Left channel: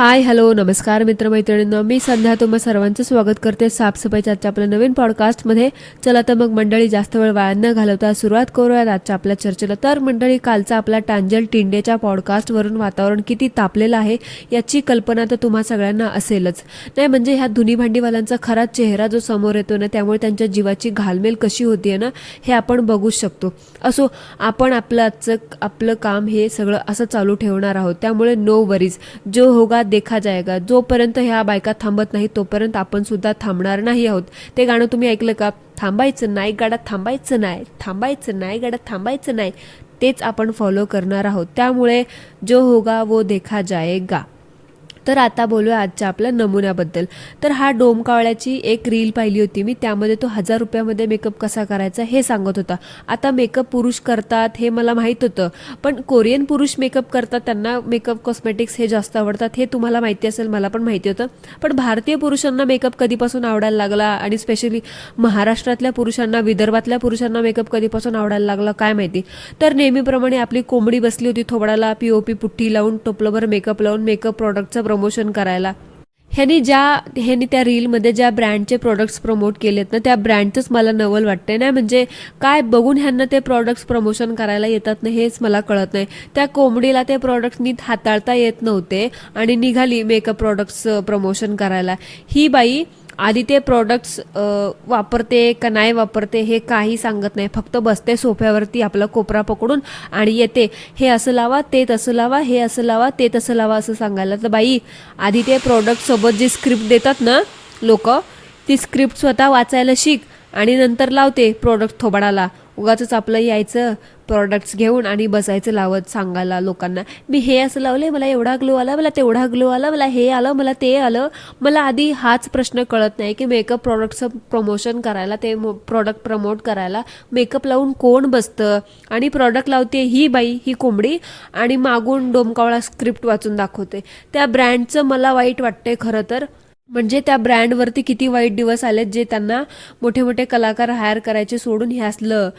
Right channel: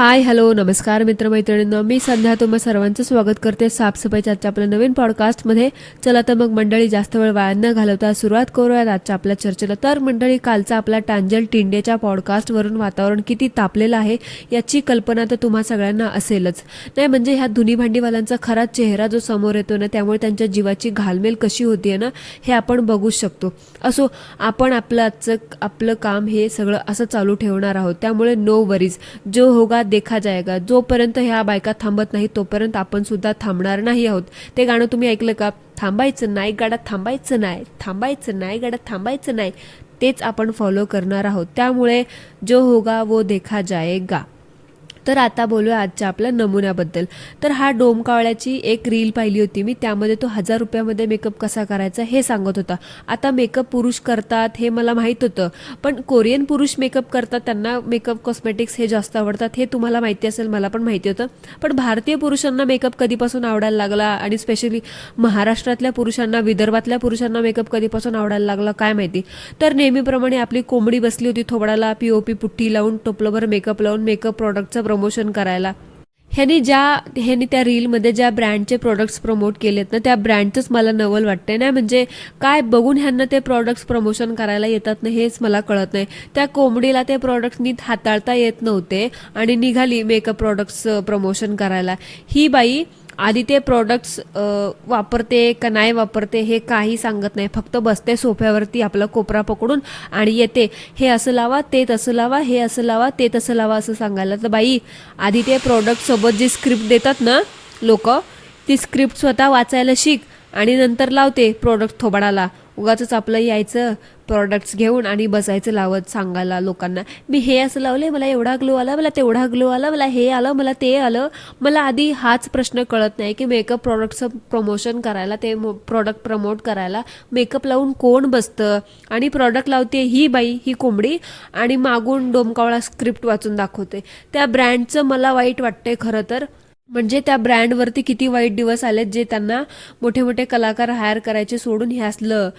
Hi hello नमस्कार मित्रमैत्रिणींनो, मी संध्या तुम्हा सर्वांचं स्वागत करते साफसफाईच्या आजच्या आपल्या नवीन पॉडकास्टमध्ये. चला तर मग मंडळी, जास्त वेळ वाया न घालवता सुरुवात करूयात आजच्या आपल्या चर्चेला. तर मंडळी, कालचा आपला टांजल टिंडेच्या पॉडकास्टवरून वातावरण किती तापलेलं आहे याची कल्पना तर तुम्हा सगळ्यांना असेलच. नाही म्हणजे ह्या धुनी भांडीवाल्यांचा खरा चेहरा जो समोर येतो ना, त्यामुळे त्यांच्या जीवाची घालमेल कशी होतीये ना, हे आपण बघू शकतो. असो, आपण आपलं काम हे सगळं असं चालू ठेवणार आहोत, त्यामुळे नो वरीज, जो होगा देखा जाएगा. जोपर्यंत ह्या बायका थांबत नाही तोपर्यंत आपण सुद्धा थांबणार नाही आहोत. ते गाणं तुम्ही ऐकलं का? थांबायचं नाही गाड्यात, थांबायचं नाही, थांबायचं नाही गाड्यात, थांबायचं नाही. तेच आपण फॉलो करणार आहोत. त्यामुळे जो होगा वो देखा जाएगा. तर आता बोलूया आजच्या आपल्या नमुन्याबद्दल. तर हा डोमकावळ्याची एक रील पाहिली होती मी, त्यामध्ये तो 1000 रुपयामध्ये मेकअप कसा करायचा हे सांगत होता. आता मेकअप पुरुष करतात हे मला माहित होतं, पण कोरियन पुरुष मेकअप करतात, त्यांना मेकअप कॉस्मेटिक्स हे जास्त आवडतात हे तुम्हाला माहिती असेल, मला पण माहिती होतं. पण भारतीय पुरुषांना मेकअप कधीपासून आवडायला लागला, आणि स्पेशली महाराष्ट्रातल्या पुरुषांना, विदर्भातल्या पुरुषांना मेकअप कधीपासून आवडायला लागला काय माहिती. तर नेहमीप्रमाणे आपली कोंबडी बसली होती थोबडाला पीओपी पुठ्ठी लावून, टोपलभर मेकअप लावून मेकअप प्रॉडक्टचं प्रमोशन करायला. ह्यांनी त्या रीलमध्ये ज्या ब्रँडचे प्रोडक्ट्स प्रमोट केलेत ना, त्या ब्रँडचंच मला नवल वाटतंय. नाही म्हणजे काय बघून ह्यांना ते प्रोडक्ट्स प्रमोशन करायला येतात ना, हेच मला कळत नाही. त्या कोंबडीला ते प्रोडक्ट्स नीट हाताळता येत नव्हते आणि निघाली मेकअप प्रोडक्ट्स प्रमोशन करायला. ही बाई आधी ते प्रोडक्ट्स वापरते का नाही वापरते हे काही सांगत नाही, फक्त बसते सोफ्यावरती आपला कोपरा पकडून आणि येते, हे असं लावा, ते तसं लावा, हे असं लावा, ते तसं लावा असं सांगायला. तर बाई, आधी ते प्रोडक्ट सोबत जी स्क्रिप्ट देतात ना लोक, ती स्क्रिप्ट स्वतः वाचायला शिक आणि नंतर लावते प्रोडक्ट थोबाडाला. उगाच आपलं यायचं प्रोडक्ट्स घेऊन आणि बसायचं लावत सांगायला लोकांना, मी हे असं लावलंय, मला एवढा ग्लो आला, मला तेवढा ग्लो आला, मला हे आलं, मला ते आलं. मला आधी हाच प्रश्न कळत नाही की मेकअप प्रोडक्टचं प्रमोशन करायला, ते प्रोडक्ट प्रमोट करायला मेकअप लावून कोण बसतं. आणि प्रोडक्ट लावते ही बाई, ही कोंबडी, आणि मागून डोमकावळा स्क्रिप्ट वाचून दाखवते. त्या ब्रँडचं मला वाईट वाटतंय खरं तर. म्हणजे त्या ब्रँडवरती किती वाईट दिवस आलेत, जे त्यांना मोठे मोठे कलाकार हायर करायचे सोडून हे असलं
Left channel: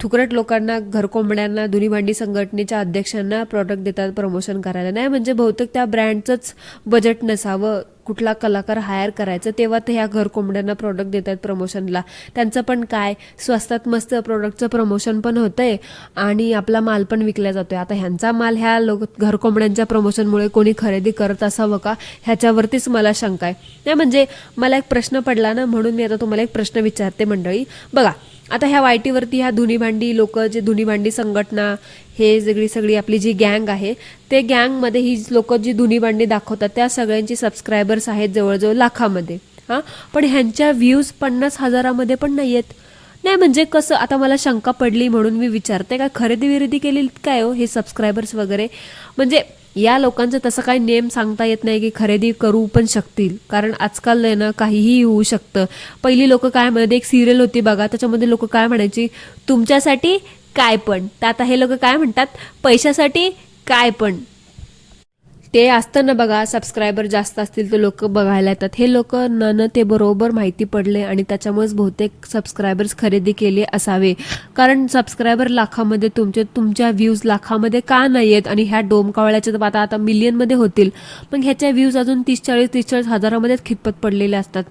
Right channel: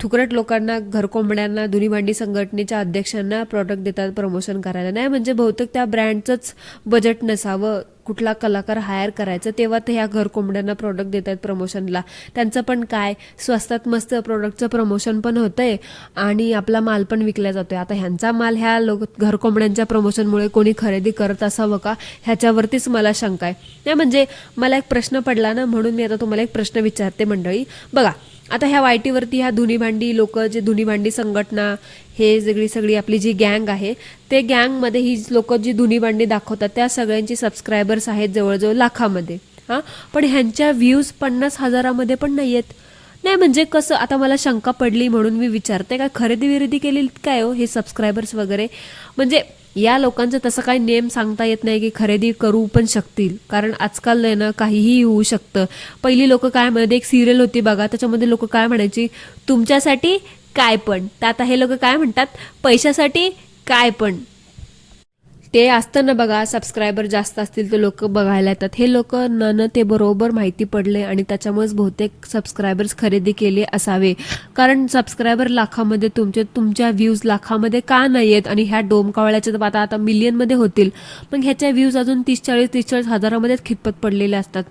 थुकरट लोकांना, घरकोंबड्यांना, धुनी भांडी संघटनेच्या अध्यक्षांना प्रोडक्ट देतात प्रमोशन करायला. नाही म्हणजे बहुतेक त्या ब्रँडचंच बजेट नसावं कुठला कलाकार हायर करायचं, तेव्हा तर ह्या घरकोंबड्यांना प्रोडक्ट देतात प्रमोशनला. त्यांचं पण काय, स्वस्तात मस्त प्रोडक्टचं प्रमोशन पण होतंय आणि आपला माल पण विकला जातोय. आता ह्यांचा माल ह्या घरकोंबड्यांच्या प्रमोशनमुळे कोणी खरेदी करत असावं का, ह्याच्यावरतीच मला शंका आहे. नाही म्हणजे मला एक प्रश्न पडला ना, म्हणून मी आता तुम्हाला एक प्रश्न विचारते मंडळी. बघा, आता ह्या वायटीवरती ह्या धुनी भांडी लोक, जे धुनी भांडी संघटना, हे सगळी आपली जी गँग आहे, ते गँगमध्ये ही लोक जी धुनी भांडी दाखवतात त्या सगळ्यांची सबस्क्रायबर्स आहेत जवळजवळ लाखामध्ये. पण ह्यांच्या व्ह्यूज 50,000मध्ये पण नाही आहेत. नाही म्हणजे कसं, आता मला शंका पडली म्हणून मी विचारते, काय खरेदी विरेदी केली काय हो हे सबस्क्रायबर्स वगैरे. म्हणजे या लोकांचं तसं काही नेम सांगता येत नाही की खरेदी करू पण शकतील, कारण आजकाल ना काहीही होऊ शकतं. पहिली लोक काय म्हणत, एक सिरियल होती बघा, त्याच्यामध्ये लोक काय म्हणायची, तुमच्यासाठी काय पण. तर आता हे लोक काय म्हणतात, पैशासाठी काय पण. ते असतं ना बघा, सबस्क्रायबर जास्त असतील तर लोक बघायला येतात. हे लोक न ते बरोबर माहिती पडले आणि त्याच्यामुळेच बहुतेक सबस्क्रायबर्स खरेदी केले असावे. कारण सबस्क्रायबर लाखामध्ये, तुमच्या व्ह्यूज लाखामध्ये का नाही आहेत, आणि ह्या डोमकावळ्याच्या तर आता मिलियनमध्ये होतील, मग ह्याच्या व्ह्यूज अजून 30-40 हजारामध्येच खितपत पडलेले असतात.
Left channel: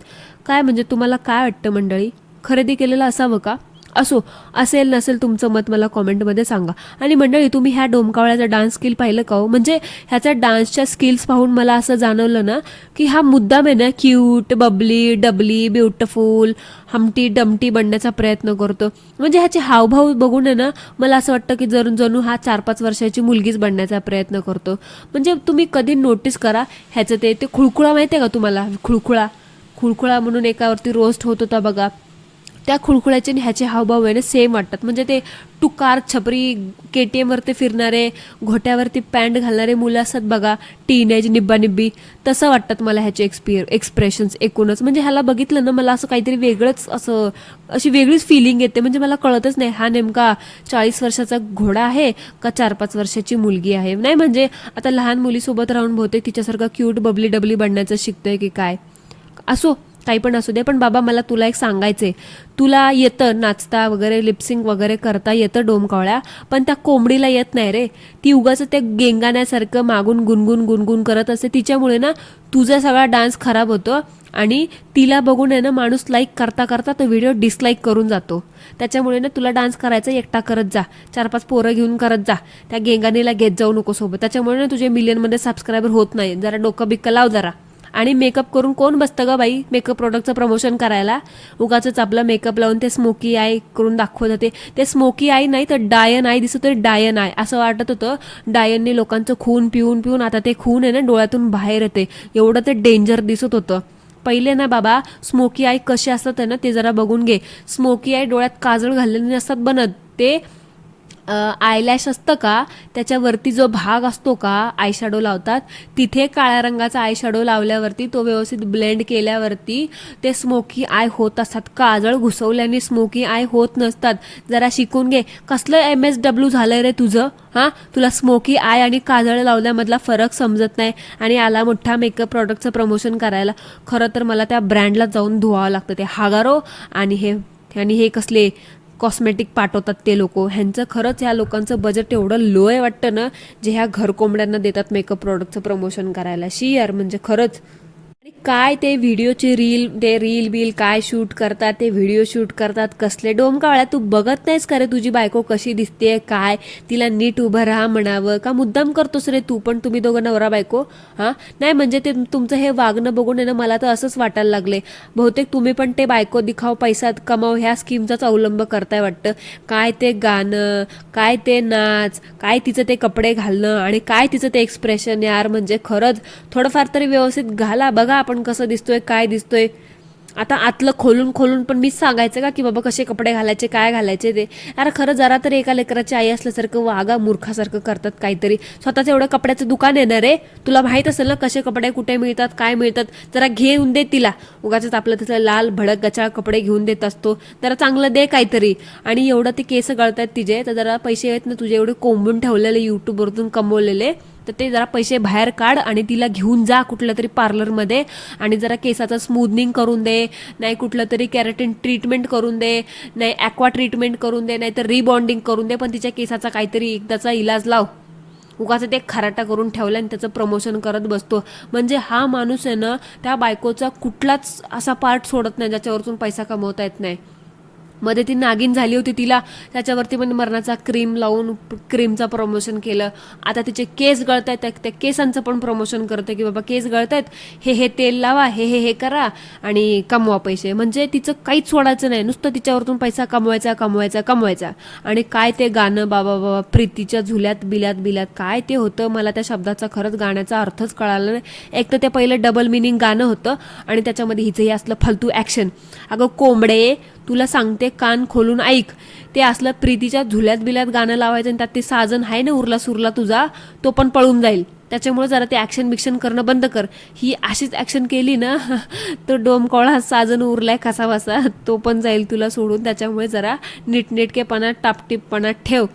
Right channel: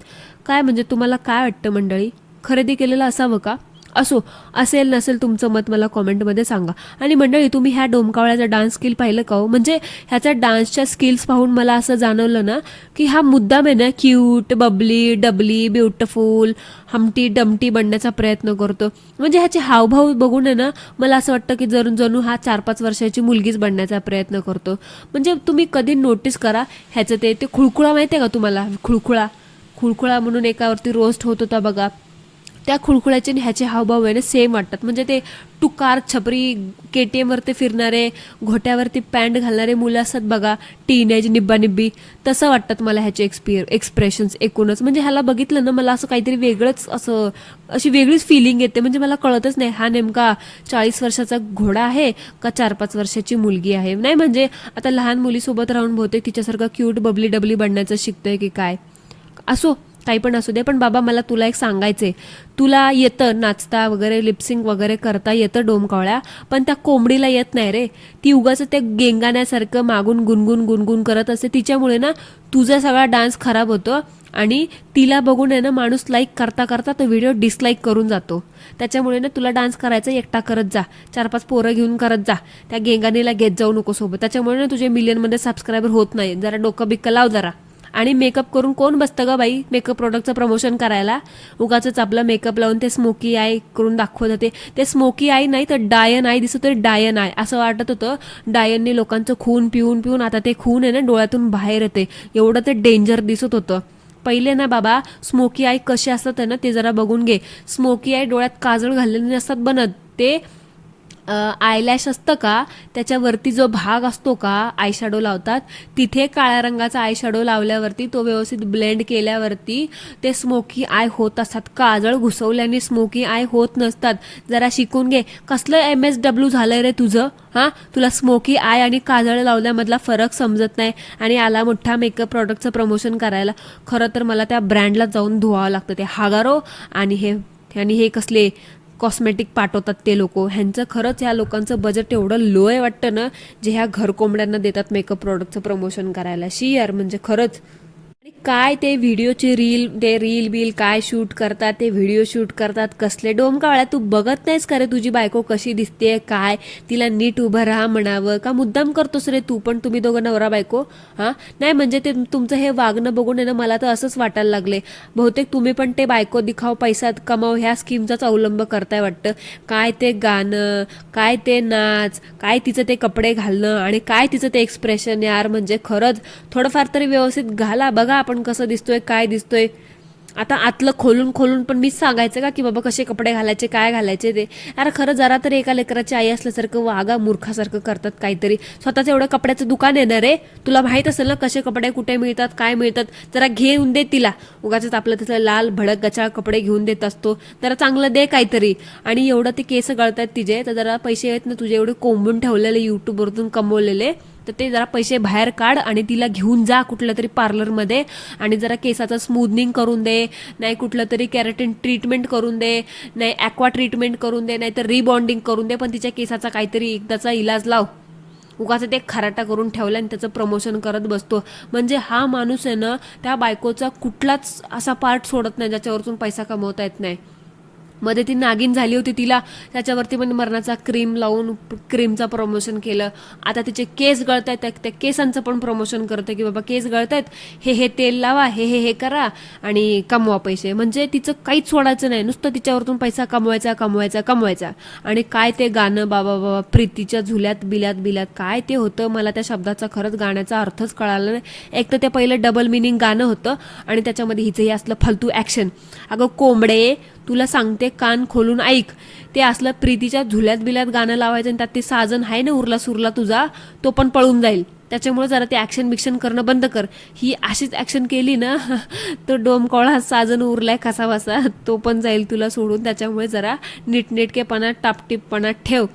काय म्हणजे तुम्हाला काय वाटतं मंडळी, खरेदी केलेलं असावं का? असो, असेल नसेल तुमचं मत मला कॉमेंटमध्ये सांगा. आणि मंडळी, तुम्ही ह्या डोमकावळ्याचा डान्स स्किल पाहिलं का हो? म्हणजे ह्याच्या डान्सच्या स्किल्स पाहून मला असं जाणवलं ना की हा मुद्दाम आहे ना cute, bubbly, dubbly, beautiful, humpty dumpty बनण्याचा प्रयत्न करतो. म्हणजे ह्याचे हावभाव बघून आहे ना, मला असं वाटतं की जणू हा 4-5 वर्षाची मुलगीच बनण्याचा प्रयत्न करतो. म्हणजे तुम्ही कधी नोटीस करा ह्याचं ते खुळखुळा माहितीये का तुम्हाला? खुळखुळा म्हणून एकावरती रोस्ट होत होता बघा, त्या खुळखुळ्याचे ह्याचे हावभाव आहे ना सेम वाटतात. म्हणजे ते टुकार छपरी KTM वरती फिरणारे, घोट्यावरती पॅन्ट घालणारे मुलं असतात बघा, टीनेज निब्बा, तसं वाटतात मला ह्याचे एक्सप्रेशन्स एकूणच. म्हणजे ह्याला बघितलं ना, मला असं काहीतरी वेगळंच, अशी वेगळीच फिलिंग येते. म्हणजे मला कळतच नाही हा नेमका 40 वर्षाचा घोडा आहे का 4-5 वर्षाची मुलगी आहे. नाही म्हणजे आता लहान मुलीसोबत राहून बहुतेक तिच्यासारखं क्यूट, बबली डबली बनण्याचं शिकतोय की काय. असो, काही पण असू दे, पण बाबा मला तुला एक सांगायचंय, तुला येतं नाचता वगैरे, लिपसिंग वगैरे करता येतं डोमकावळ्या, पण त्या कोंबडीला येत नाही रे. ती उगाच ते गेंगाण्यासारखं मागून गुणगुण गुणगुण करत असते, तिच्यामुळे ना तुझा सगळा डान्स खराब होतो आणि तिला बघून आहे ना माणूस लाईक करता करता तो व्हिडिओ डिसलाईक करून जातो. त्याच्यामुळे ना तुला डान्स करायचा एकटा करत जा, 4-5 पोरं घेऊन करत जा, त्या गेंगाणीला घेत जाऊ नको सोबत. त्याच्यामुळे ना तुझे मिलियनमध्ये सबस्क्रायबर होत नाही. जरा डोकं बिक्क लाव जरा. आणि मेकअप करून कोण बसतं ग बाई मेकअप प्रोडक्टचं प्रमोशन करायला? उगाच आपला मेकअप लावून ते स्मोकी आय करून दाखवत होते. ते स्मोकी आय नाही तर डायन आय दिसत होते, डायन आय असं वाटत होतं. डायनने लोकांचं खून पिऊन पिऊन आता ते खून आहे ना डोळ्यातून बाहेर येते, एवढं ते डेंजर दिसत होतं. पहिले ना बाबा स्मोकी आय कसे असतात ना ते जरा बघून घे. स्मोकी आय डोळ्यात काजळ घाललेले नसतात बनत, ते आयलॅश असतं का त्याच्यावरती जो भाग असतो का आय शॅडो लावतात, तिथे काळ्या रंगाचा आय शॅडो लावल्यावरती तो व्यवस्थित ब्लेंड केल्यावरती ते स्मोकी आय होत असतात. काजळ घुसवल्याने स्मोकी आय होत नसतात. जरा शिकून घे. कसलं MSW झालंय रे तुझं? हा, तुला स्मोकी आय आणि काजळ लावल्यामधला फरक समजत नाही आणि आला मोठा मेकअप प्रोडक्टचं प्रमोशन करायला. खरं तर मला त्या ब्रँडला जाऊन धुवावं लागतं. ते हागारो आणि हे कसले कॉस्मेटिक पाठवतात ते लोक, ह्यांचं खरंच या लोकांचं बजेट एवढं लो आहे वाटतं ना, जे ह्या घर कोंबड्यांना देतात मेकअप प्रोडक्टचं प्रमोशन करायला. यार म्हणजे खरंच. काय ते व्हिडिओची रील बिल काय शूट करतात, ते व्हिडिओ शूट करतात कसले. डोमकावळ्या तू बघत नाहीस का रे तुझी बायको कशी दिसते काय? तिला नीट उभं राहा म्हणावं का मुद्दाम करतोस रे तू पण? तुम्ही दोघं नवरा बायको. हा नाही म्हणजे ते तुमचं हे वागणं बघून आहे ना मला तर असंच वाटायला लागले, बहुतेक तुम्ही पण ते बायको दिखाव पैसा कमाव ह्या स्कीमचाच अवलंब करताय वाटतं. काय ते गाणं, काय ते नाच, काय तिचं ते कपडे घालणं आणि काय तिचं ते एक्सप्रेशन. यार म्हणजे खरंच थोडंफार तरी व्यवस्थित घाला. बघा आपण कसं दिसतोय काय दिसतोय. आता आतलं खोलून खोलून पण मीच सांगायचं का की बाबा कसे कपडे घालायचे काय घालायचे ते? अरे खरं जरा तरी एका लेकराची आई असल्यासारखं वागा. मूर्खासारखं करतात काहीतरी. स्वतःचं एवढं कपड्याचं दुकान येणार रे, तुला माहित असेल ना कसे कपडे कुठे मिळतात काय मिळतात. जरा घेऊन दे तिला. उगाच आपलं तिचं लाल भडक गचाळ कपडे घेऊन देत असतो. जरा चांगलं दे काहीतरी. आणि एवढं ते केस गळतायत तिचे तर जरा पैसे आहेत ना तुझे एवढे कोंबून ठेवलेले युट्यूबवरतून कमवलेले, तर ते जरा पैसे बाहेर काढ आणि तिला घेऊन जा कुठल्या तरी पार्लरमध्ये आणि जरा केसाचं स्मूदनिंग करून दे, नाही कुठलं तरी कॅरेटिन ट्रीटमेंट करून दे, नाही ॲक्वा ट्रीटमेंट करून दे, नाही तर रिबॉन्डिंग करून दे, पण तिच्या केसाचा काहीतरी एकदाचा इलाज लाव. उगाच ते खराटा करून ठेवला आणि त्याचं प्रमोशन करत बसतो. म्हणजे हा माणूस आहे ना त्या बायकोचा कुठलाच असा पार्ट सोडत नाही ज्याच्यावरतून पैसा कमवता येत नाही. मध्ये ती नागिन झाली होती, तिला त्याच्यावरती पण मरणाचा क्रीम लावून क्रीमचं प्रमोशन केलं. आता तिचे केस गळतायत, त्या केसांचं पण प्रमोशन करते की बाबा केस गळतायत, हे तेल लावा, हे करा आणि कमवा पैसे. म्हणजे तिचं काहीच सोडायचं नाही, नुसतं तिच्यावरतून पैसा कमवायचा. आणि काय ते गाणं बाबा प्रीतीच्या झुल्यात बिल्यात काय ते होतं, मला त्या शब्दाचा खरंच गाण्याचा अर्थच कळाला नाही. एक तर ते पहिलं डबल मिनिंग गाणं होतं आणि त्याच्यामध्ये हिचं हे असलं फालतू ऍक्शन. अगं कोंबडे तुला सांगते कान खोलून ऐक, ते असलं प्रीतीच्या झुल्यात बिल्यात गाणं लावायचं आणि त्यात ते साजन आहे ना उरला सुरला तुझा, तो पण पळून जाईल. त्याच्यामुळे जरा ते ऍक्शन बिक्शन करणं बंद कर. ही अशीच ऍक्शन केली ना तो डोमकावळा साजन उरलाय कसा बसा तो पण जाईल तुला सोडून. त्याच्यामुळे जरा नीटनेटकेपणा टापटीपपणा ठेव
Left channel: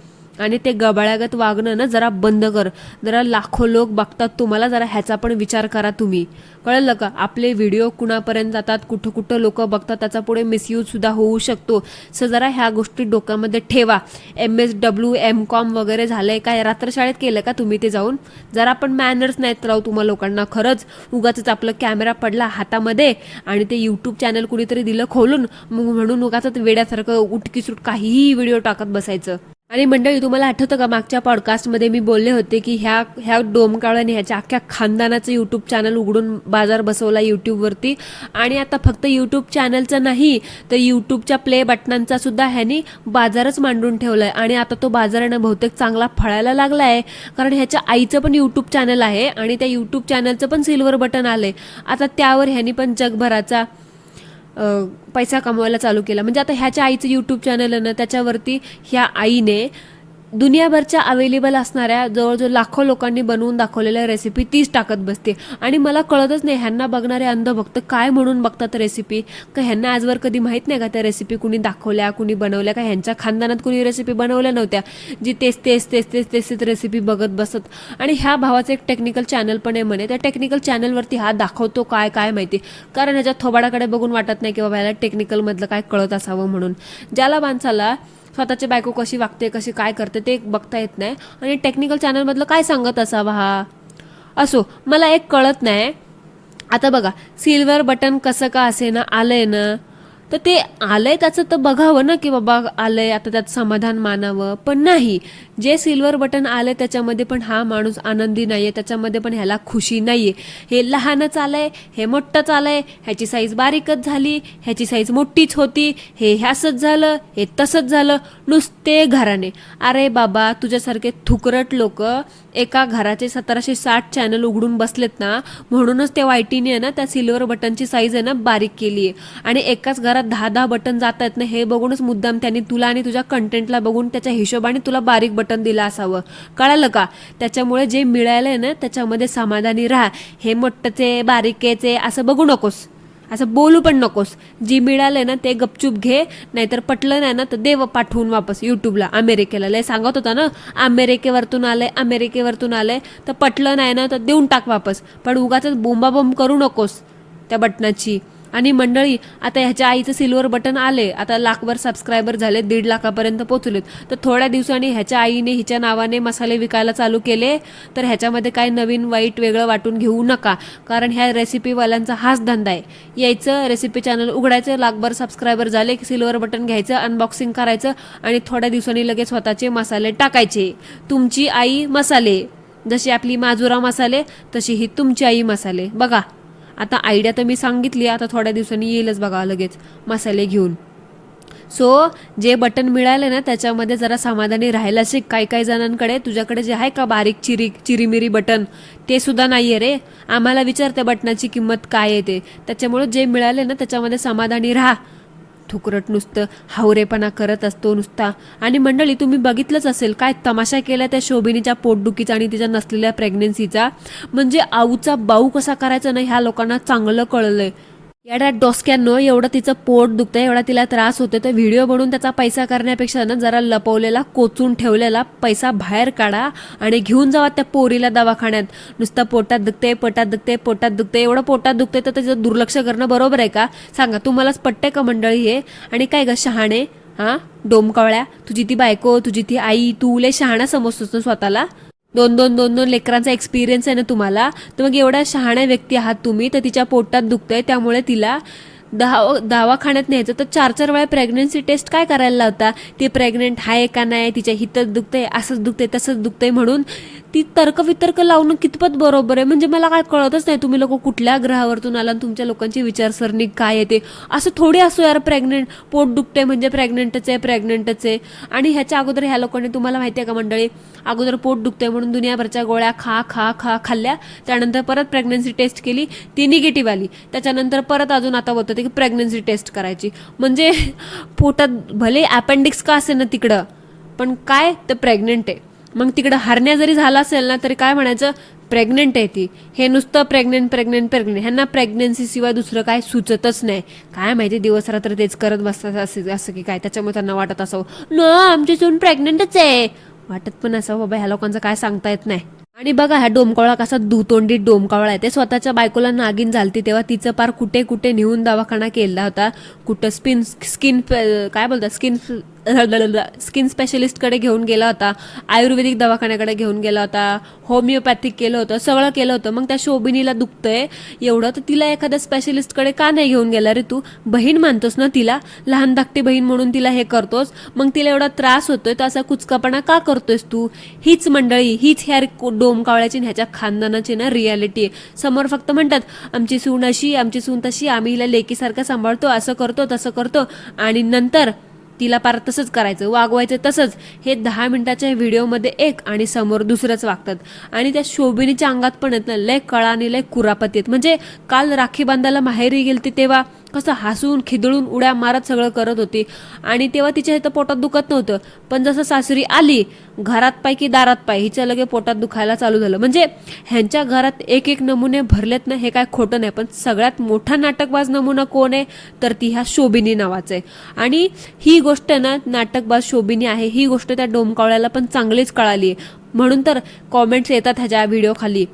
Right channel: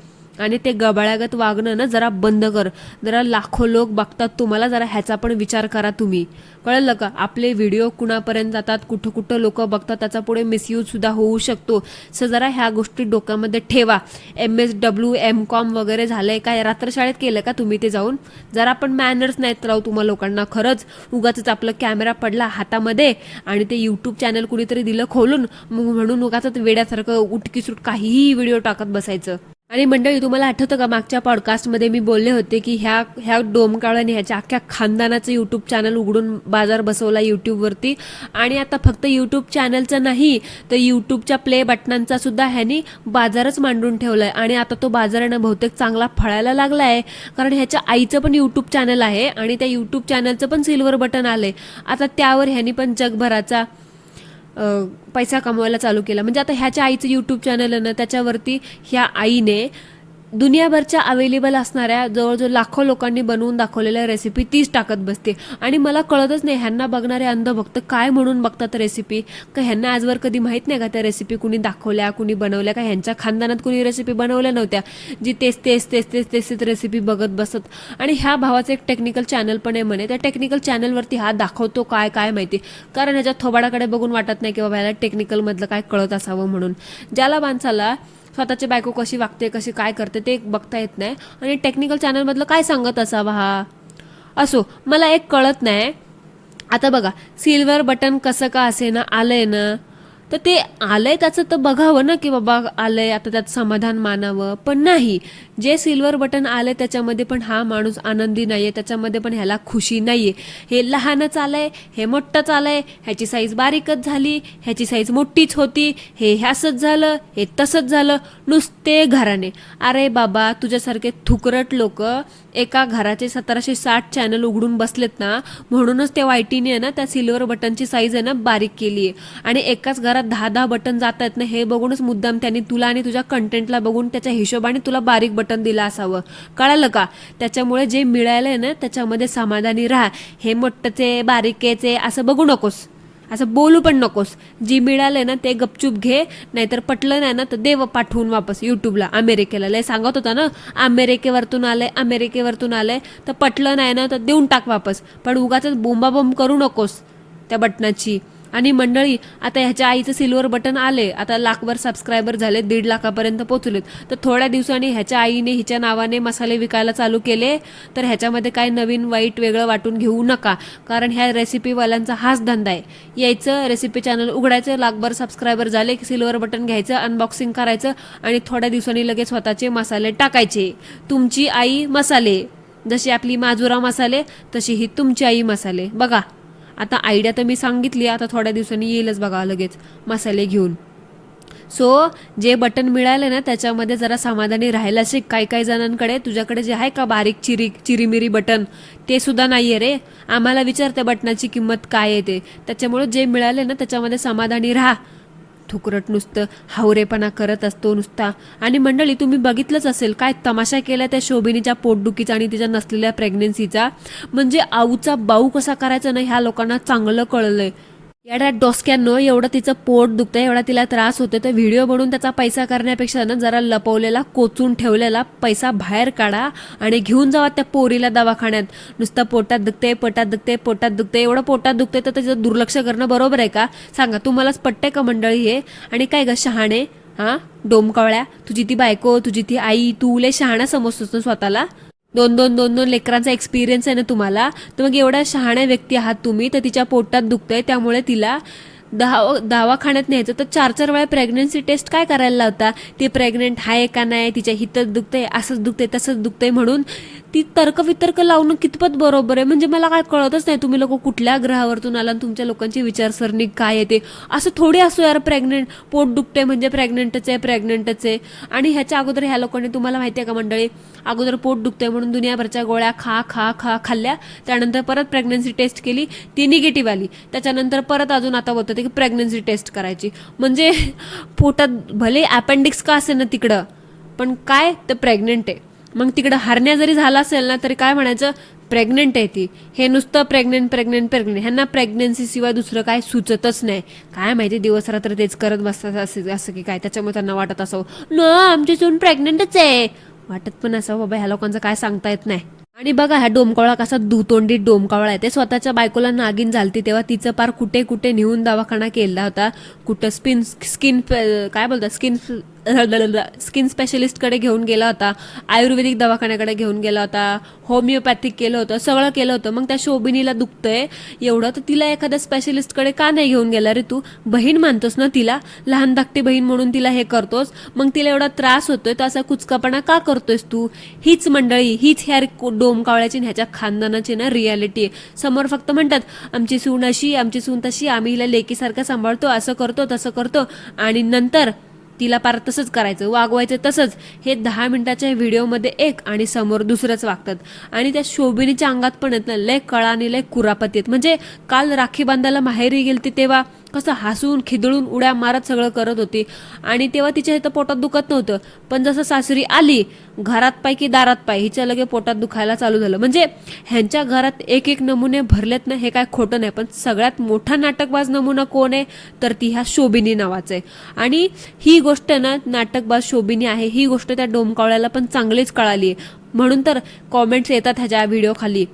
आणि ते गबाळ्यागत वागणं ना जरा बंद कर. जरा लाखो लोक बघतात तुम्हाला, जरा ह्याचा पण विचार करा तुम्ही. कळलं का? आपले व्हिडिओ कुणापर्यंत जातात, कुठं कुठं लोक बघतात, त्याचा पुढे मिसयूज सुद्धा होऊ शकतो. सो जरा ह्या गोष्टी डोक्यामध्ये ठेवा. MSW MCOM वगैरे झालंय काय? रात्र शाळेत केलं का तुम्ही ते जाऊन? जरा पण मॅनर्स नाहीत राहू तुम्हा लोकांना खरंच. उगाच आपलं कॅमेरा पडला हातामध्ये आणि ते युट्यूब चॅनल कुणीतरी दिलं खोलून म्हणून उगाच वेड्यासारखं उठकीसूट काहीही व्हिडिओ टाकत बसायचं. आणि मंडळी तुम्हाला आठवतं का मागच्या पॉडकास्टमध्ये मी बोलले होते की ह्या डोमकावळ्याने ह्याच्या अख्ख्या खानदानाचं युट्यूब चॅनल उघडून बाजार बसवला युट्यूबवरती. आणि आता फक्त युट्यूब चॅनलचं नाही तर युट्यूबच्या प्ले बटनांचा सुद्धा ह्यानी बाजारच मांडून ठेवलाय. आणि आता तो बाजारानं बहुतेक चांगला फळायला लागलाय, कारण ह्याच्या आईचं पण युट्यूब चॅनल आहे आणि त्या युट्यूब चॅनलचं पण सिल्वर बटन आलंय. आता त्यावर ह्यानी पण जगभराचा पैसा कमवायला चालू केला. म्हणजे आता ह्याच्या आईचं युट्यूब चॅनल आहे ना त्याच्यावरती ह्या आईने दुनियाभरच्या अवेलेबल असणाऱ्या जवळजवळ लाखो लोकांनी बनवून दाखवलेल्या रेसिपी तीच टाकत बसते. आणि मला कळतच नाही ह्यांना बघणारे अंधभक्त काय म्हणून बघतात रेसिपी, का ह्यांना आजवर कधी माहित नाही का त्या रेसिपी कुणी दाखवल्या, कुणी बनवल्या, का ह्यांच्या खानदानात कुणी रेसिपी बनवल्या नव्हत्या जी तेच रेसिपी बघत बसत. आणि ह्या भावाचं एक टेक्निकल चॅनल पण आहे म्हणे, त्या टेक्निकल चॅनलवरती हा दाखवतो काय माहिती, कारण ह्याच्या थोबाडाकडे बघून वाटत नाही की बाबा ह्याला टेक्निकल मधलं काय कळत असावं म्हणून. ज्याला माणसाला स्वतःची बायको कशी वागते, कशी काय करते ते बघता येत नाही आणि टेक्निकल चॅनल मधलं काय सांगत असावा हा. असो, मला एक कळत नाही. आता बघा, सिल्वर बटन कसं का असे ना आलंय ना, तर ते आलंय त्याचं तर बघावं ना की बाबा आलंय, आता त्यात समाधान मानावं. पण नाही, जे सिल्वर बटन आलंय त्याच्यामध्ये पण हा माणूस आनंदी नाहीये, त्याच्यामध्ये पण ह्याला खुशी नाहीये. हे लहानच आलंय, हे मोठंच आलंय, ह्याची साईज बारीकच झाली, ह्याची साईज मोठीच होती, हे ह्यासच झालं, हे तसंच झालं, नुसते घराने. अरे बाबा, तुझ्यासारखे थुकरट लोक एका घराचे 1760 चॅनल उघडून बसलेत ना, म्हणूनच त्या वायटीने आहे ना त्या सिल्वर बटनची साईज आहे ना बारीक केली आहे. आणि एकाच घरात 10 बटन जात आहेत ना, हे बघूनच मुद्दाम त्यांनी तुला आणि तुझ्या कंटेंटला बघून त्याच्या हिशोबाने तुला बारीक बटन दिलं असावं. कळालं का? त्याच्यामुळे जे मिळालंय ना त्याच्यामध्ये समाधानी राहा. हे मोठ्ठचे बारीकेचे असं बघू नकोस, असं बोलू पण नकोस. जी मिळालंय ना ते गपचूप घे, नाहीतर पटलं नाही ना तर देव पाठवून वापस युट्यूबला, अमेरिकेला. लय सांगत होता ना अमेरिकेवरतून आलंय, तर पटलं नाही ना तर देऊन टाक वापस. पण उगाच बोंबाबोंब करू नकोस त्या बटनाची. आणि मंडळी, आता ह्याच्या आईचं सिल्वर बटन आले, आता लाखभर सबस्क्रायबर झाले, 1.5 लाखापर्यंत पोहोचलेत. तर थोड्या दिवसांनी ह्याच्या आईने हिच्या नावाने मसाले विकायला चालू केले, तर ह्याच्यामध्ये काय नवीन वाईट वेगळं वाटून घेऊ नका, कारण ह्या रेसिपीवाल्यांचा हाच धंदा आहे. यायचं, रेसिपी चॅनल उघडायचं, लाखभर सबस्क्रायबर झाले की सिल्वर बटन घ्यायचं, अनबॉक्सिंग करायचं आणि थोड्या दिवसांनी लगेच स्वतःचे मसाले टाकायचे. तुमची आई मसाले, जशी आपली माजुरा मसाले तशी ही तुमची आई मसाले. बघा, आता आयडिया तर मी सांगितली, आता थोड्या दिवसांनी येईलच बघा लगेच मसाले घेऊन. सो जे बटन मिळाले ना त्याच्यामध्ये जरा समाधानी राहायला शिक. काही जणांकडे, तुझ्याकडे जे आहे का बारीक चिरीमिरी बटन, ते सुद्धा नाहीये रे. आम्हाला विचार त्या बटनाची किंमत काय आहे ते. त्याच्यामुळे जे मिळाले ना त्याच्यामध्ये समाधानी राहा. थुकरट नुसतं हावरेपणा करत असतो नुसता. आणि मंडळी, तुम्ही बघितलंच असेल काय तमाशा केला त्या शोभिनीच्या पोटदुखीचा आणि तिच्या नसलेल्या प्रेग्नेन्सीचा. म्हणजे आऊचा बाऊ कसा करायचा ना ह्या लोकांना चांगलं कळलंय. एवढ्या डोसक्यानं एवढं तिचं पोट दुखतंय, एवढा तिला त्रास होतोय, तर व्हिडिओ बनवून त्याचा पैसा करण्यापेक्षा ना जरा लपवलेला, कोचून ठेवलेला पैसा बाहेर काढा आणि घेऊन जावा त्या पोरीला दवाखान्यात. नुसतं पोटात दुखते, एवढं पोटात दुखते तर त्याचं दुर्लक्ष करणं बरोबर आहे का? सांगा, तुम्हालाच पटतंय का मंडळी हे? आणि काय ग शहाणे, हा डोमकावळ्या, तुझी ती बायको, तुझी ती आई, तू लय शहाणा समजतोस स्वतःला. दोन लेकरांचा एक्सपिरियन्स आहे ना तुम्हाला, तर मग एवढ्या शहाण्या व्यक्ती आहात तुम्ही. तर तिच्या पोटात दुखतंय त्यामुळे तिला दवाखान्यात न्यायचं, तर 4 वेळा प्रेग्नन्सी टेस्ट काय करायला लावता? ती प्रेग्नेंट आहे का नाही, तिच्या हितच दुखतंय, असंच दुखतंय, तसंच दुखतंय म्हणून ती तर्कवितर्क लावणं कितपत बरोबर आहे? म्हणजे मला काय कळतच नाही, तुम्ही लोक कुठल्या ग्रहावरतून आला, तुमच्या लोकांची विचारसरणी काय येते. असं थोडी असो यार, प्रेग्नेंट पोट दुखते म्हणजे प्रेग्नेंटच आहे. आणि ह्याच्या अगोदर ह्या लोकांनी, तुम्हाला माहिती आहे का मंडळी, अगोदर पोट दुखतंय म्हणून दुनियाभरच्या गोळ्या खा खाल्ल्या, त्यानंतर परत प्रेग्नन्सी टेस्ट केली, ती निगेटिव्ह आली, त्याच्यानंतर परत अजून आता होतं की प्रेग्नन्सी टेस्ट करायची. म्हणजे पोटात भले अपेंडिक्स का असेल ना तिकडं, पण काय तर प्रेग्नेंट आहे. मग तिकडं हरण्या जरी झाला असेल ना तरी काय म्हणायचं, प्रेग्नेंट आहे ती. हे नुसतं प्रेग्नेंट. ह्यांना प्रेग्नन्सी शिवाय दुसरं काय सुचतच नाही. काय माहिती दिवस रात्र तेच करत बसतात असं की काय, त्याच्यामुळे त्यांना वाटत असावं न आमची सून प्रेग्नेंटच आहे. वाटत पण असावं बाबा, ह्या लोकांचं काय सांगता येत नाही. आणि बघा, ह्या डोमकावळा कसा दुतोंडी डोमकावळा आहे. ते स्वतःच्या बायकोला नागिन झालती तेव्हा तिचं पार कुठे नेऊन दवाखाना केला होता. कुठं स्किन स्पेशलिस्ट कडे घेऊन गेला होता, आयुर्वेदिक दवाखान्याकडे घेऊन गेला होता, होमिओपॅथिक केलं होतं, सगळं केलं होतं. मग त्या शोभिनीला दुखतंय एवढं, तर तिला एखाद्या स्पेशलिस्ट कडे का नाही घेऊन गेला रे? तू बहीण मानतोस ना तिला, लहान धाकटी बहीण म्हणून तिला हे करतोस, मग तिला एवढा त्रास होतोय तर असा कुचकापणा का करतोयस तू? हीच मंडळी, हीच ह्या डोमकावळ्याची ह्याच्या खानदानाची ना रियालिटी आहे. समोर फक्त म्हणतात आमची सून अशी, आमची सून तशी, आम्ही हिला लेकीसारखं सांभाळतो, असं करतो तसं करतो, आणि नंतर तिला पार तसंच करायचं, वागवायचं तसंच. हे 10 मिनिटाच्या व्हिडिओमध्ये एक आणि समोर दुसरंच वागतात. आणि त्या शोभिनीच्या अंगात पण आहेत ना लय कळा आणि लय कुरापती आहेत. म्हणजे काल राखी बांधायला माहेरी गेलती तेव्हा कसं हसून खिदळून उड्या मारत सगळं करत होती. आणि तेव्हा तिच्या इथं पोटात दुखत नव्हतं, पण जसं सासरी आली घरात पाय की दारात पाय हिच्या लगे पोटात दुखायला चालू झालं. म्हणजे ह्यांच्या घरात एक एक नमुने भरलेत ना, हे काय खोटं नाही. पण सगळ्यात मोठा नाटकबाज नमुना कोण आहे तर ती ह्या शोभिनी नावाचं आहे. आणि ही गोष्ट ना, नाटकबाज शोभिनी आहे ही गोष्ट त्या डोमकावळ्याला पण चांगलीच कळाली. म्हणून तर कॉमेंट्स येतात ह्याच्या व्हिडिओ खाली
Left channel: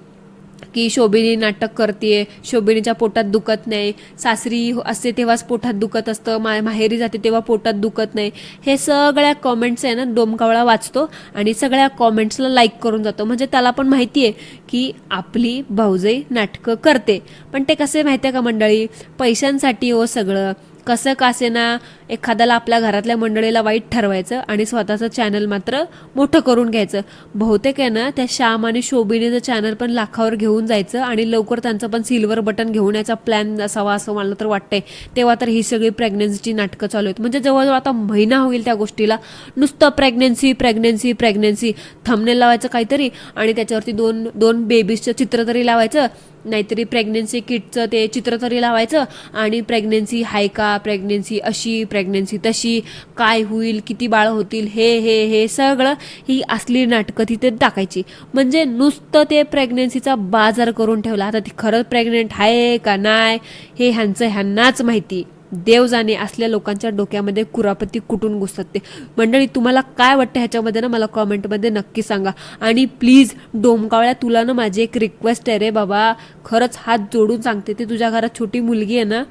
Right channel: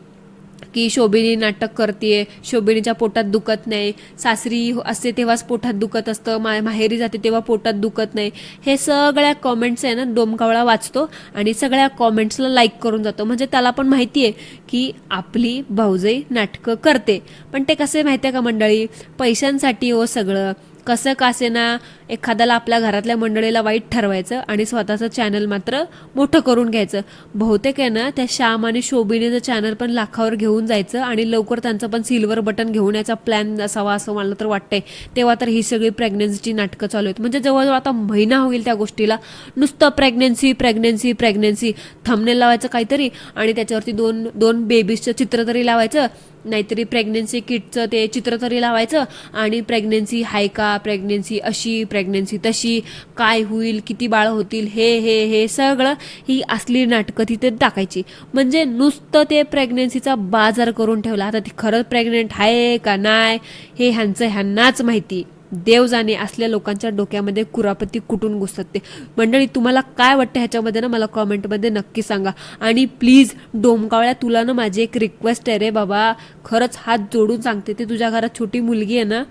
की शोभिनी नाटक करते, शोभिनीच्या पोटात दुखत नाही, सासरी असते तेव्हाच पोटात दुखत असतं, माहेरी जाते तेव्हा पोटात दुखत नाही. हे सगळ्या कॉमेंट्स आहे ना डोमकावळा वाचतो आणि सगळ्या कॉमेंट्सला लाईक करून जातो. म्हणजे त्याला पण माहिती आहे की आपली भाऊजाई नाटकं करते. पण ते कसे माहितीये का मंडळी, पैशांसाठी हो सगळं. कसं कासे ना, एखाद्याला आपल्या घरातल्या मंडळीला वाईट ठरवायचं आणि स्वतःचं चॅनल मात्र मोठं करून घ्यायचं. बहुतेक आहे ना त्या श्याम आणि शोभिनीचं चॅनल पण लाखावर घेऊन जायचं आणि लवकर त्यांचं पण सिल्वर बटन घेऊन याचा प्लॅन असावा असं मला तर वाटतंय. तेव्हा तर ही सगळी प्रेग्नन्सीची नाटकं चालू आहेत. म्हणजे जवळजवळ आता महिना होईल त्या गोष्टीला, नुसतं प्रेग्नन्सी प्रेग्नन्सी प्रेग्नन्सी. थंबनेल लावायचं काहीतरी आणि त्याच्यावरती दोन दोन बेबीजचं चित्र तरी लावायचं, नाहीतरी प्रेग्नन्सी किटचं ते चित्र तरी लावायचं आणि प्रेग्नन्सी हाय का, प्रेग्नन्सी अशी, प्रेग्नन्सी तशी, काय होईल, किती बाळ होतील, हे हे हे सगळं ही असली नाटकं तिथे टाकायची. म्हणजे नुसतं ते प्रेग्नन्सीचा बाजार करून ठेवला. आता ती खरंच प्रेग्नेंट आहे का नाही हे ह्यांनाच माहिती. देव जाणे असल्या लोकांच्या डोक्यामध्ये कुरापती कुठून घुसतात ते. मंडळी तुम्हाला काय वाटतं ह्याच्यामध्ये ना मला कॉमेंटमध्ये नक्की सांगा. आणि प्लीज डोमकावळ्या, तुला ना माझी एक रिक्वेस्ट आहे रे बाबा, खरंच हात जोडून सांगते. ते तुझ्या घरात छोटी मुलगी आहे ना,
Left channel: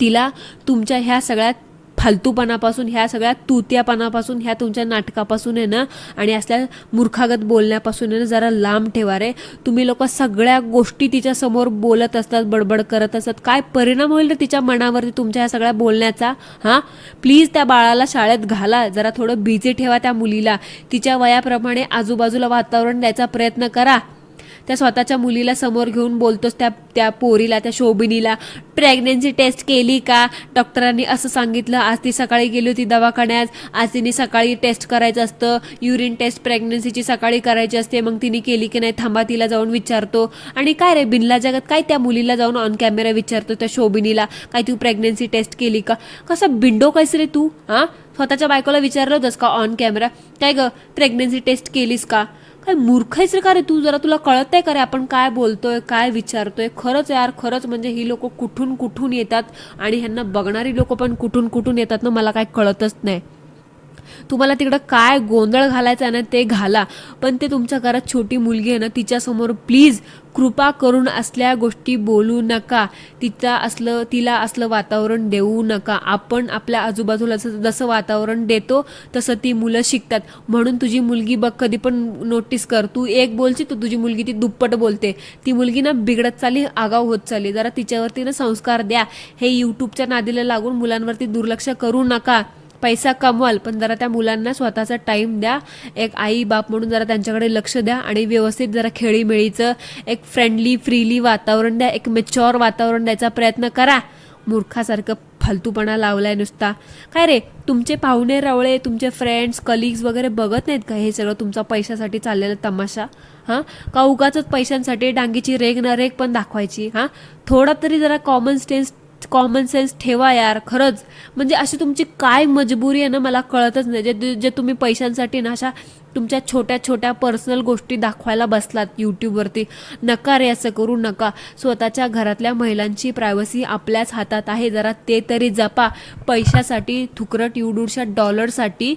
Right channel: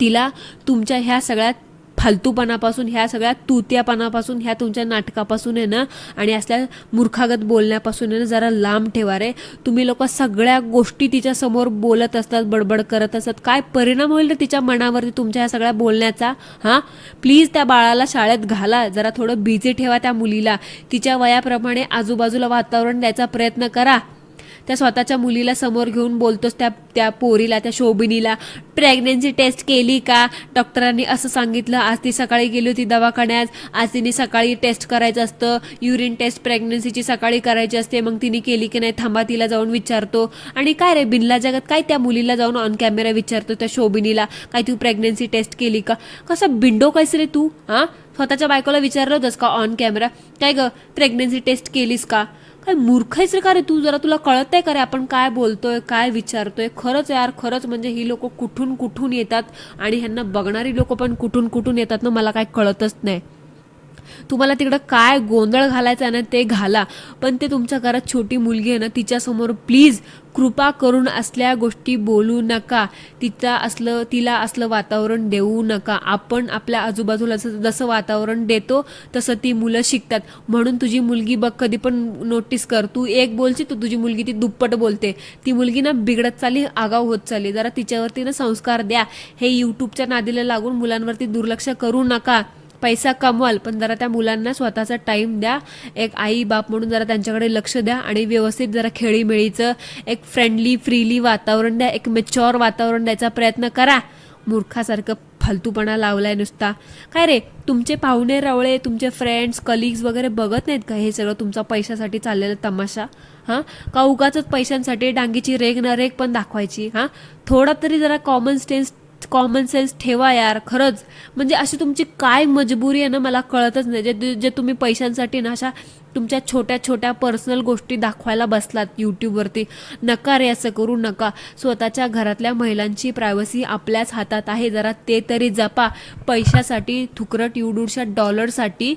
तिला तुमच्या ह्या सगळ्या फालतूपणापासून, ह्या सगळ्या तुत्यापणापासून, ह्या तुमच्या नाटकापासून आहे ना आणि असल्या मूर्खागत बोलण्यापासून आहे ना जरा लांब ठेवा रे. तुम्ही लोक सगळ्या गोष्टी तिच्या समोर बोलत असतात, बडबड करत असतात. काय परिणाम होईल रे तिच्या मनावरती तुमच्या ह्या सगळ्या बोलण्याचा? हा, प्लीज त्या बाळाला शाळेत घाला, जरा थोडं बिझी ठेवा त्या मुलीला, तिच्या वयाप्रमाणे आजूबाजूला वातावरण द्यायचा प्रयत्न करा. त्या स्वतःच्या मुलीला समोर घेऊन बोलतोस त्या पोरीला, त्या शोभिनीला, प्रेग्नन्सी टेस्ट केली का, डॉक्टरांनी असं सांगितलं, आज ती सकाळी गेली होती दवाखान्यात, आज तिने सकाळी टेस्ट करायचं असतं, युरिन टेस्ट प्रेग्नन्सीची सकाळी करायची असते, मग तिने केली की नाही थांबा तिला जाऊन विचारतो. आणि काय रे बिनला जगात काय त्या मुलीला जाऊन ऑन कॅमेरा विचारतो त्या शोभिनीला, काय तू प्रेग्नन्सी टेस्ट केली का? कसं बिंडो कायस रे तू? हा, स्वतःच्या बायकोला विचारलं होतंस का ऑन कॅमेरा, काय ग प्रेग्नन्सी टेस्ट केलीस का? काय मूर्खायच रे का रे तू? जरा तुला कळत आहे का रे आपण काय बोलतोय, काय विचारतोय? खरंच यार, खरंच म्हणजे ही लोक कुठून कुठून येतात आणि ह्यांना बघणारी लोक पण कुठून कुठून येतात ना, मला काय कळतच नाही. तुम्हाला तिकडं काय गोंधळ घालायचा आहे ना ते घाला, पण ते तुमच्या घरात छोटी मुलगी आहे ना तिच्यासमोर प्लीज कृपा करून असल्या गोष्टी बोलू नका. तिला असलं वातावरण देऊ नका. आपण आपल्या आजूबाजूला जसं वातावरण देतो तसं ती मुलं शिकतात. म्हणून तुझी मुलगी बघ, कधी पण नोटीस कर, तू एक बोलची तर तुझी मुलगी ती दुप्पट बोलते. ती मुलगी ना बिघडत चालली, आगाव होत चालली. जरा तिच्यावरती ना संस्कार द्या. हे युट्यूबच्या नादीला लागून मुलांवरती दुर्लक्ष करू नका. पैसा कमवाल पण जरा त्या मुलांना स्वतःचा टाइम द्या. एक आई बाप म्हणून जरा त्यांच्याकडे लक्ष द्या आणि व्यवस्थित जरा खेळीमेळीचं एक फ्रेंडली वातावरण द्या, एक मॅच्युअर वातावरण द्यायचा प्रयत्न करा. मूर्खासारखं फालतूपणा लावलाय नुसता. काय रे तुमचे पाहुणे रावळे, तुमचे फ्रेंड्स कलिग्स वगैरे बघत नाहीत का हे सगळं तुमचा पैशासाठी चाललेला तमाशा? हा, का उगाच पैशांसाठी डांगीची रेग ना रेग पण दाखवायची? हा, थोडा तरी जरा कॉमन सेन्स ठेवा यार. खरंच म्हणजे अशी तुमची काय मजबुरी आहे ना मला कळतच नाही. जे तुम्ही पैशांसाठी ना अशा तुमच्या छोट्या छोट्या पर्सनल गोष्टी दाखवायला बसलात युट्यूबवरती. नका रे, असं करू नका. स्वतःच्या घरातल्या महिलांची प्रायव्हसी आपल्याच हातात आहे, जरा ते तरी जपा. पैशासाठी, थुकरट युडूरच्या डॉलरसाठी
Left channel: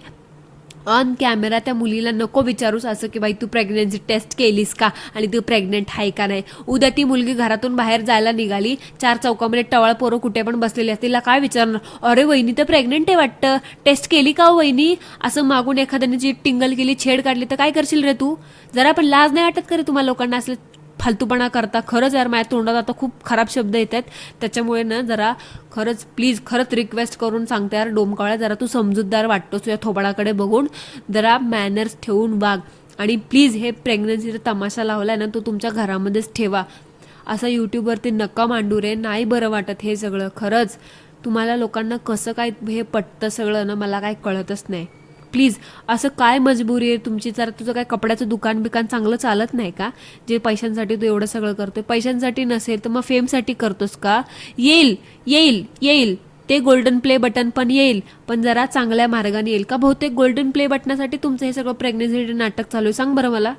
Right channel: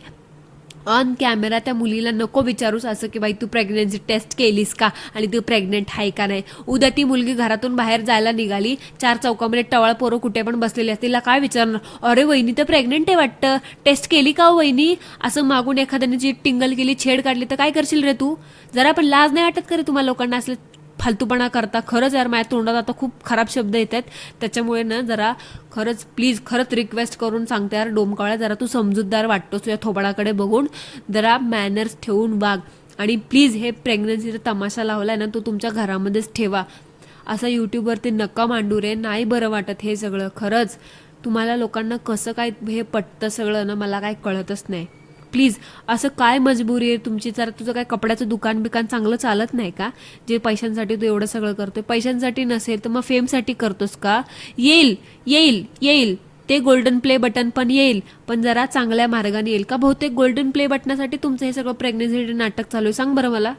ऑन कॅमेरा त्या मुलीला नको विचारूस असं की बाई तू प्रेग्नन्सी टेस्ट केलीस का आणि तू प्रेग्नेंट आहे का नाही. उद्या ती मुलगी घरातून बाहेर जायला निघाली, चार चौकामध्ये टवाळ पोरं कुठे पण बसलेली असतील, तिला काय विचारणार, अरे वहिनी तर प्रेग्नेंट आहे वाटतं, टेस्ट केली का हो वहिनी, असं मागून एखाद्याने जी टिंगल केली, छेड काढली तर काय करशील रे तू? जरा पण लाज नाही वाटत का रे तुम्हाला लोकांना असले फालतूपणा करता? खरंच यार माझ्या तोंडात आता खूप खराब शब्द येत आहेत, त्याच्यामुळे ना जरा खरंच प्लीज खरंच रिक्वेस्ट करून सांगते यार डोमकावळ्या, जरा तू समजूतदार वाटतोस, तुझ्या थोबाडाकडे बघून जरा मॅनर्स ठेवून वाग. आणि प्लीज हे प्रेग्नन्सीचा तमाशा लावलाय ना तो तुमच्या घरामध्येच ठेवा. असं युट्यूबवरती नका मांडू रे, नाही बरं वाटत हे सगळं. खरंच तुम्हाला लोकांना कसं काय हे पटतं सगळं ना मला काय कळतच नाही. प्लीज. असं काय मजबुरी आहे तुमची? जर तुझं काय कपड्याचं दुकान बिकान चांगलं चालत नाही का, जे पैशांसाठी तू एवढं सगळं करतोय? पैशांसाठी नसेल तर मग फेमसाठी करतोस का? येईल येईल येईल, ते गोल्डन प्ले बटन पण येईल, पण जरा चांगल्या मार्गाने येईल. का बहुतेक गोल्डन प्ले बटनासाठी तुमचं हे सगळं प्रेग्नेन्सी नाटक चालू आहे? सांग बरं मला.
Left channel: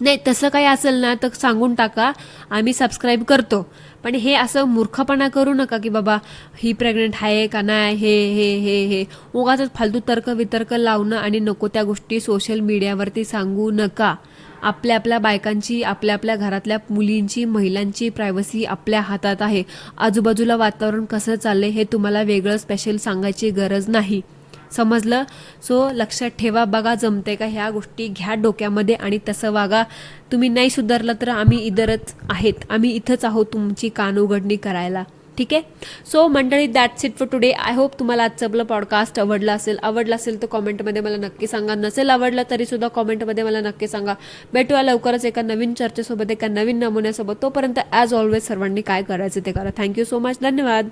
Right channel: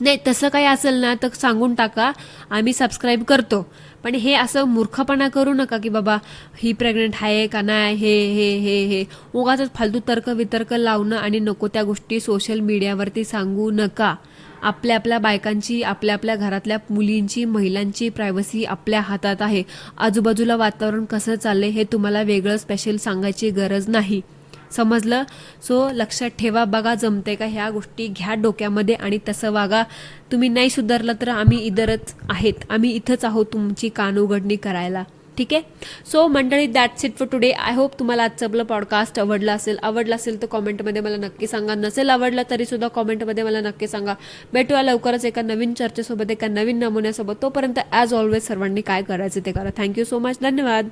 नाही, तसं काही असेल ना तर सांगून टाका, आम्ही सबस्क्राईब करतो. पण हे असं मूर्खपणा करू नका की बाबा ही प्रेग्नेंट आहे का नाही, हे हे हे हे उगाच फालतू तर्क वितर्क लावणं आणि नको त्या गोष्टी सोशल मीडियावरती सांगू नका. आपल्या आपल्या बायकांची, आपल्या आपल्या घरातल्या मुलींची, महिलांची प्रायव्हसी आपल्या हातात आहे. आजूबाजूला वातावरण कसं चाललंय हे तुम्हाला वेगळं स्पेशल सांगायची गरज नाही. समजलं? सो लक्षात ठेवा. बघा जमते का ह्या गोष्टी, घ्या डोक्यामध्ये आणि तसं वागा. तुम्ही नाही सुधारलं तर आम्ही इधरच आहेत, आम्ही इथंच आहोत तुमची कान उघडणी करायला. ठीक आहे. सो मंडळी, that's it for today. I hope तुम्हाला आजचं आपलं पॉडकास्ट आवडलं असेल तर कॉमेंटमध्ये मला नक्की सांगा. नसेल आवडलं तरी सुद्धा कॉमेंटमध्ये मला नक्की सांगा. भेटूया लवकरच एका नवीन चर्चेसोबत, एका नवीन नमुन्यासोबत. तोपर्यंत ॲज ऑलवेज सर्वांनी काय करायचं ते करा. Thank you so much. धन्यवाद.